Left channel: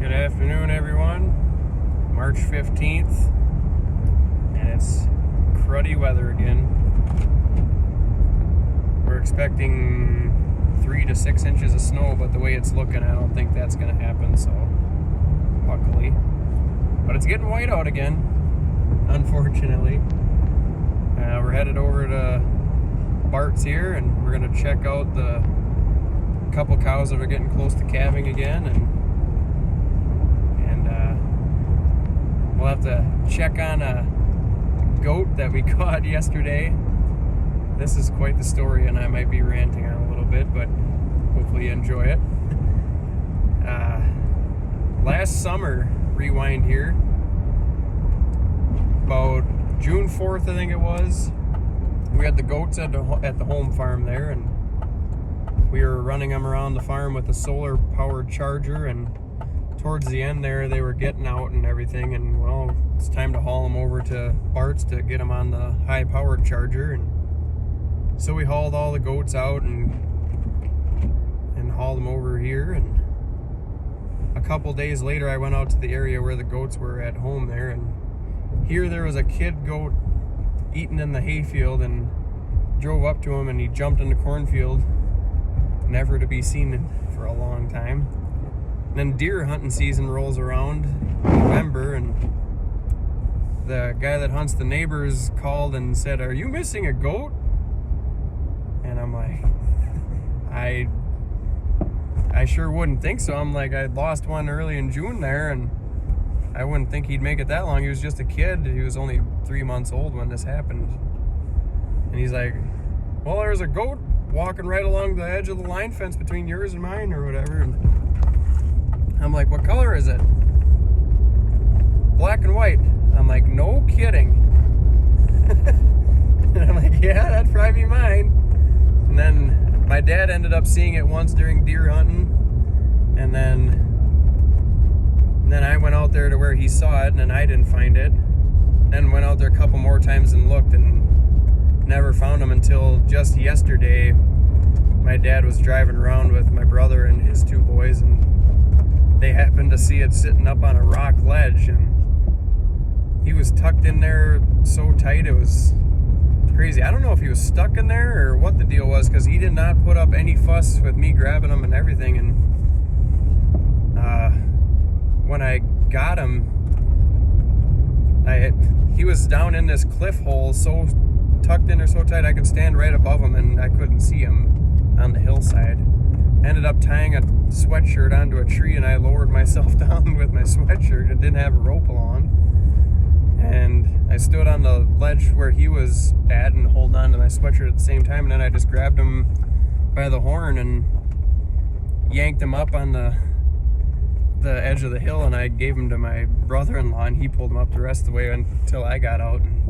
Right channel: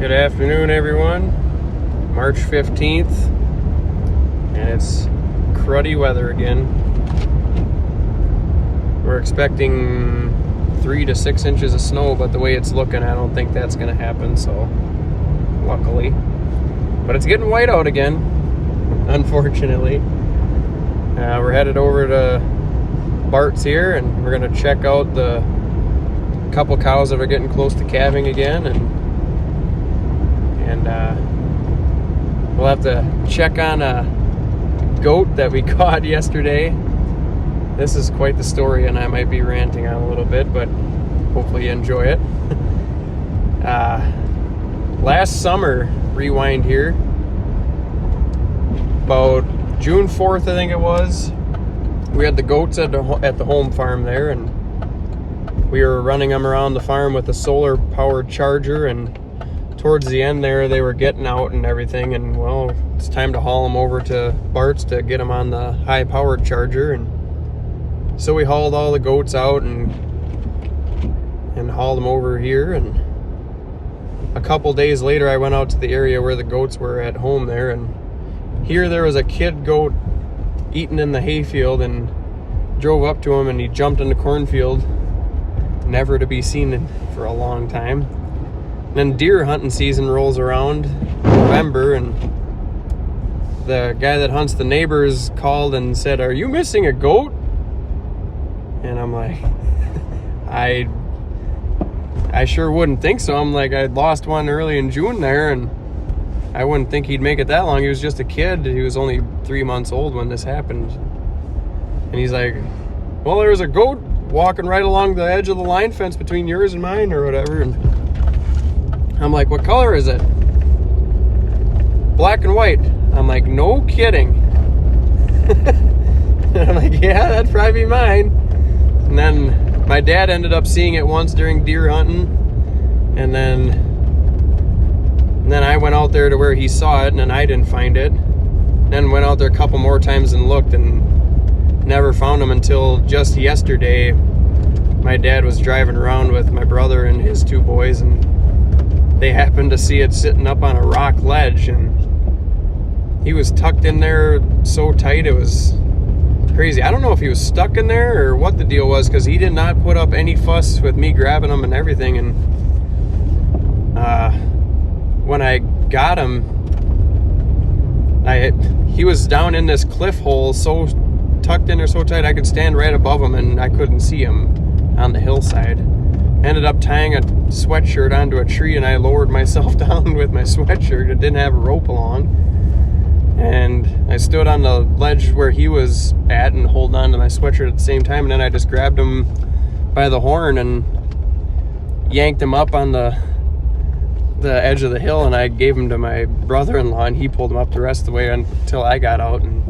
Good afternoon, everyone. March 15th, and it's cruddy weather again. We're expecting 3 to 6 inches of snow, but the way it's looking, I don't think that's going to happen, so luckily. But it's getting white out again, unfortunately. We're headed over to Bart's here, and we're going to check out the couple cows that are getting close to calving again, and we'll have to check on a goat that we caught yesterday. This is quite the story, and I might be ranting on a little bit, but hopefully you enjoy it. Last summer, rewind here, about June 4th, I think it was, we had the goats at the home farm there, and we were running them around the farm with a solar-powered charger, and towards the end there, they were getting out and everything, and well, it's time to haul them over to Bart's to get them on the high-powered charger. And so we hauled all the goats out and hauled them over here, and a couple days later, I went out to the area where the goats were at home there, and here there was a kid goat eating in the hayfield, and drove up to him, and he jumped in the cornfield, never to be seen for a long time. And then deer hunting season rolls around, November, and the guy that hunts the neighbors called and said, "Are you missing a goat?" And I'm like, I sure wouldn't think so. I'm like, I lost one early in June there, and I wouldn't think he'd make it that long. He was just a kid. He was only 3 months old when this happened. And he's like, "Well, there was a goat walking right along the edge of the line fence between yours and mine," or whatever. And I'm like, "What color is it?" "Black and white." I'm like, "No kidding." And I'm like, "Yeah, that'd probably be mine." And then my dad ended up seeing it once during deer hunting, and then I went out there to where he saw it, and then I didn't find it. Then went out there a couple more times and looked, and never found him until just yesterday. My dad was driving around with my brother and his 2 boys, and they happened to see it sitting up on a rock ledge, and he was tucked in there so tight it was crazy. I don't know if he was stuck in there or what the deal was, because he did not put up any fuss with me grabbing him and everything. And when I got him, he was down in this cliff hole, so tucked in there so tight I could stand right above him, and I couldn't see him on the hillside. Ended up tying a sweatshirt onto a tree, and I lowered myself down with my sweatshirt. It didn't have a rope along, and I stood on the ledge where he was at and holding on to my sweatshirt at the same time, and then I just grabbed him by the horn and yanked him up on the edge of the hill, and I gave him to my brother-in-law, and he pulled him up the rest of the way until I got out. And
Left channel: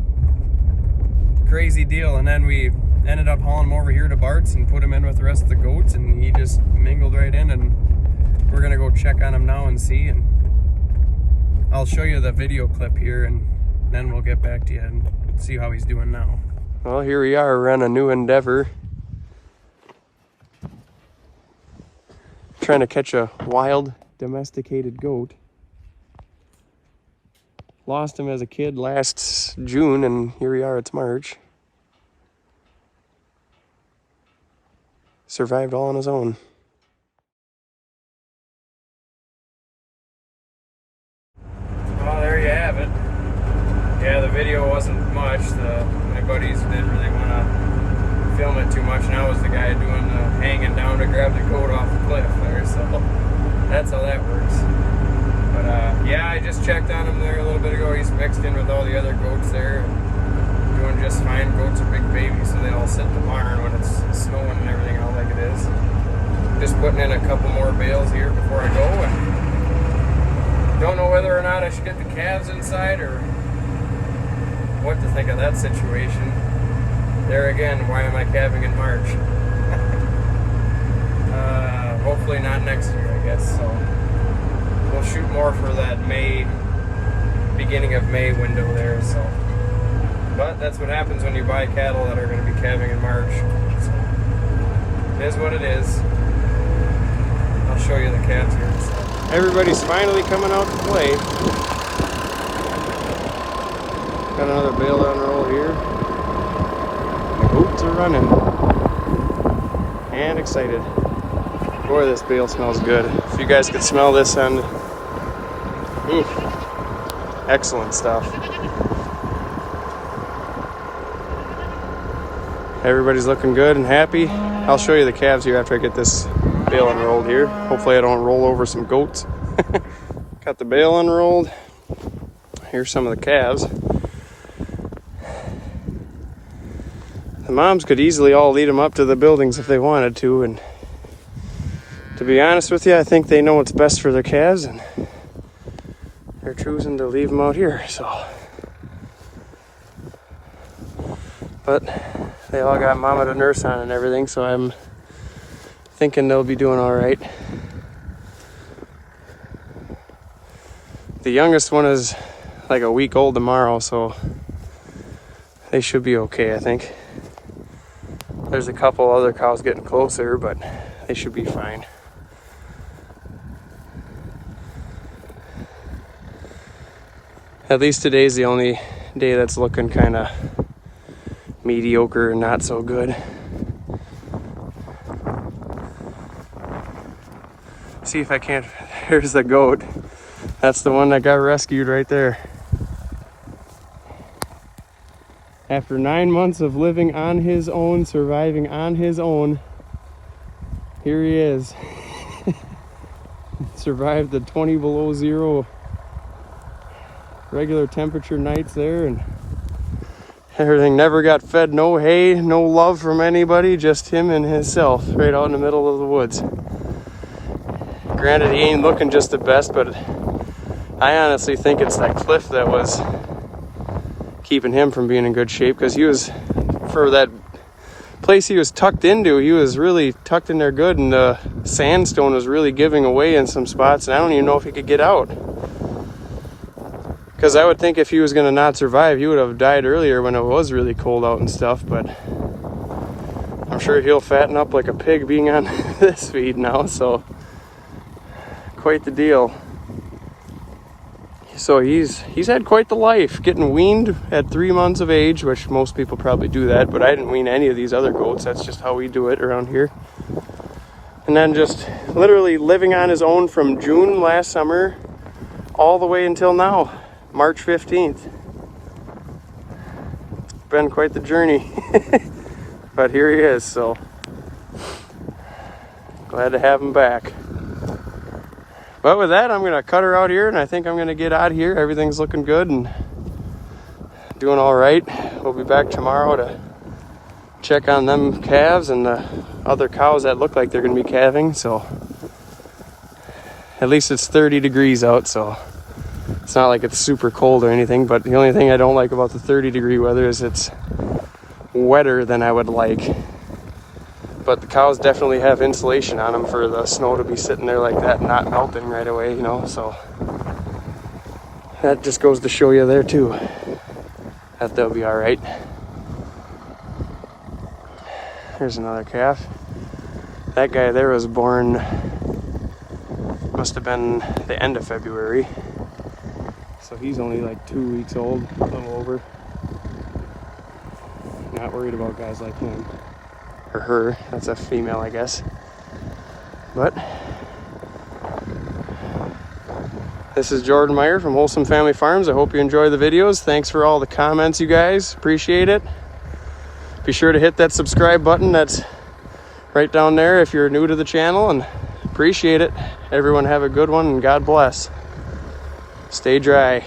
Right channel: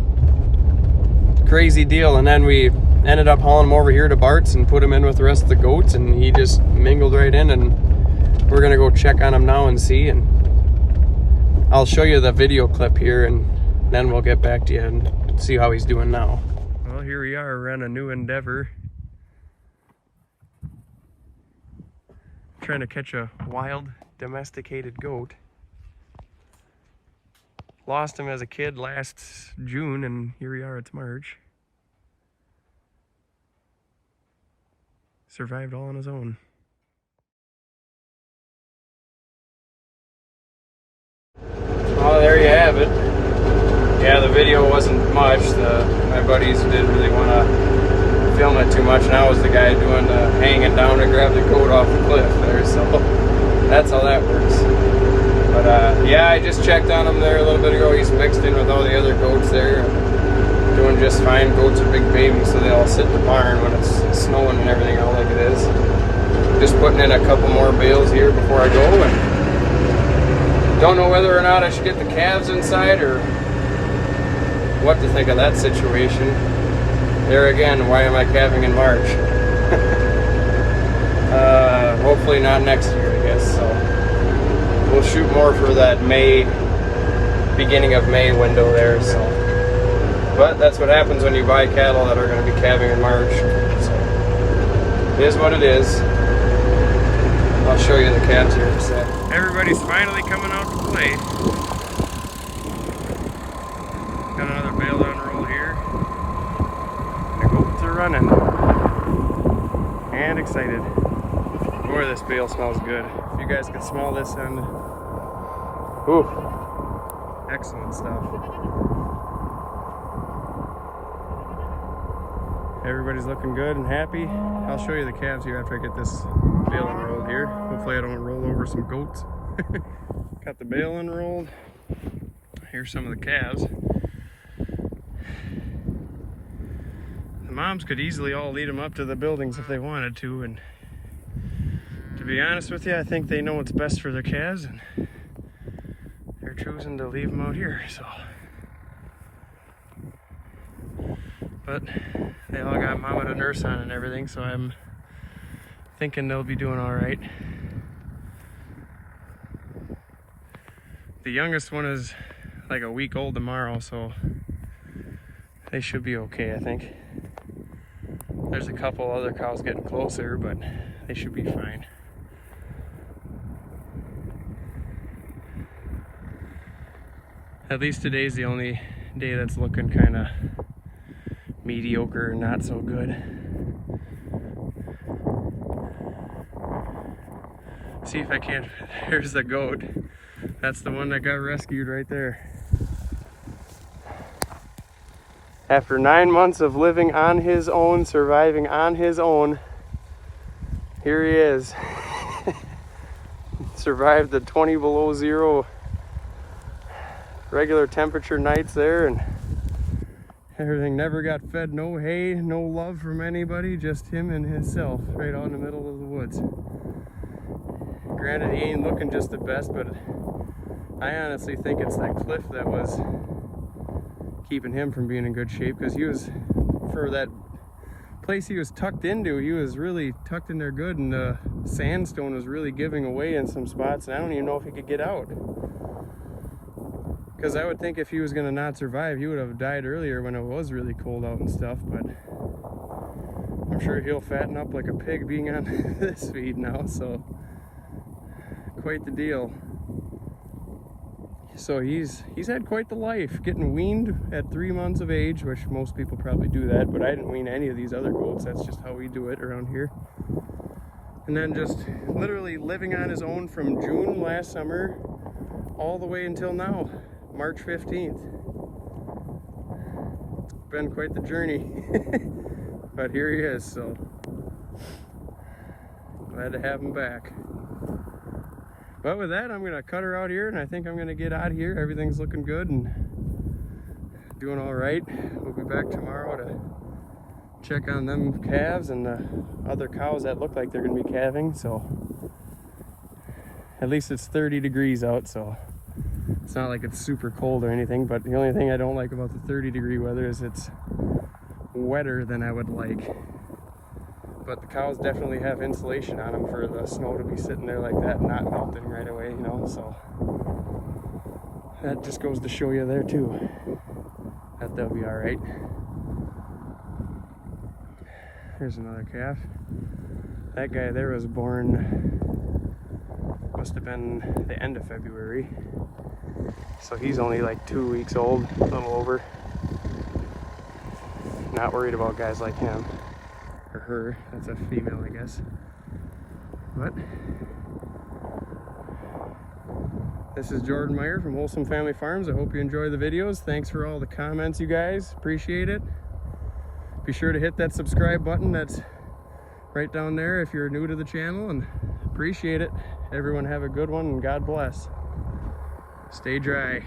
crazy deal. And then we ended up hauling him over here to Bart's and put him in with the rest of the goats, and he just mingled right in, and we're gonna go check on him now and see. And I'll show you the video clip here, and then we'll get back to you and see how he's doing now. Well, here we are. We're on a new endeavor, trying to catch a wild domesticated goat. Lost him as a kid last June, and here we are, it's March. Survived all on his own. Well, there you have it. Yeah, the video wasn't much. My buddies didn't really want to film it too much, and I was the guy doing the hanging down to grab the goat off the cliff there, so that's how that works. But yeah, I just checked on him there a little bit ago. He's mixed in with all the other goats there, and doing just fine. Goats are big babies, so they all sit in the barn when it's snowing and everything out like it is. Just putting in a couple more bales here before I go, and don't know whether or not I should get the calves inside or what to think of that situation. There again, why am I calving in March? Hopefully not next year, I guess. So we'll shoot more for that beginning of May window there. So, but that's what happens when you buy cattle that are going to be calving in March. So it is what it is. I'll show you the calves here in a sec. Everybody's finally coming out to play. Got another bale to unroll here. Goats are running. And excited. Boy, this bale smells good. If you guys could smell this end. Ooh, excellent stuff. Everybody's looking good and happy. I'll show you the calves here after I get this bale unrolled here. Hopefully I don't roll over some goats. Got the bale unrolled. Here's some of the calves. The moms could easily all lead them up to the buildings if they wanted to, and to be honest with you, I think they know what's best for their calves, and they're choosing to leave them out here, so. But they all got mama to nurse on and everything, so I'm thinking they'll be doing all right. The youngest one is like a week old tomorrow, so they should be okay, I think. There's a couple other cows getting closer, but they should be fine. At least today's the only day that's looking kind of mediocre and not so good. See if I can't. Here's the goat. That's the one that got rescued right there. After 9 months of living on his own, surviving on his own, here he is. Survived the 20 below zero regular temperature nights there, and everything. Never got fed, no hay, no love from anybody, just him and himself right out in the middle of the woods. Granted, he ain't looking just the best, but I honestly think it's that cliff that was keeping him from being in good shape, because he was, for that place he was tucked into, he was really tucked in there good, and the sandstone was really giving away in some spots, and I don't even know if he could get out. Because I would think if he was going to not survive, he would have died earlier when it was really cold out and stuff, but I'm sure he'll fatten up like a pig being on this feed now, so quite the deal. So he's had quite the life, getting weaned at 3 months of age, which most people probably do that, but I didn't wean any of these other goats. That's just how we do it around here. And then just literally living on his own from June last summer all the way until now, March 15th. It's been quite the journey. But here he is, so glad to have him back. But with that, I'm going to cut her out here, and I think I'm going to get out of here. Everything's looking good and doing all right. We'll be back tomorrow to check on them calves and the other cows that look like they're going to be calving. So at least it's 30 degrees out, so it's not like it's super cold or anything. But the only thing I don't like about the 30-degree weather is it's wetter than I would like. But the cows definitely have insulation on them for the snow to be sitting there like that and not melting right away, you know, so that just goes to show you there too that they'll be all right. Here's another calf. That guy there was born, must have been the end of February, so he's only like 2 weeks old, a little over. Not worried about guys like him. Or her, that's a female, I guess. But this is Jordan Meyer from Wholesome Family Farms. I hope you enjoy the videos. Thanks for all the comments, you guys. Appreciate it. Be sure to hit that subscribe button that's right down there if you're new to the channel, and appreciate it. Everyone have a good one, and God bless. Stay dry.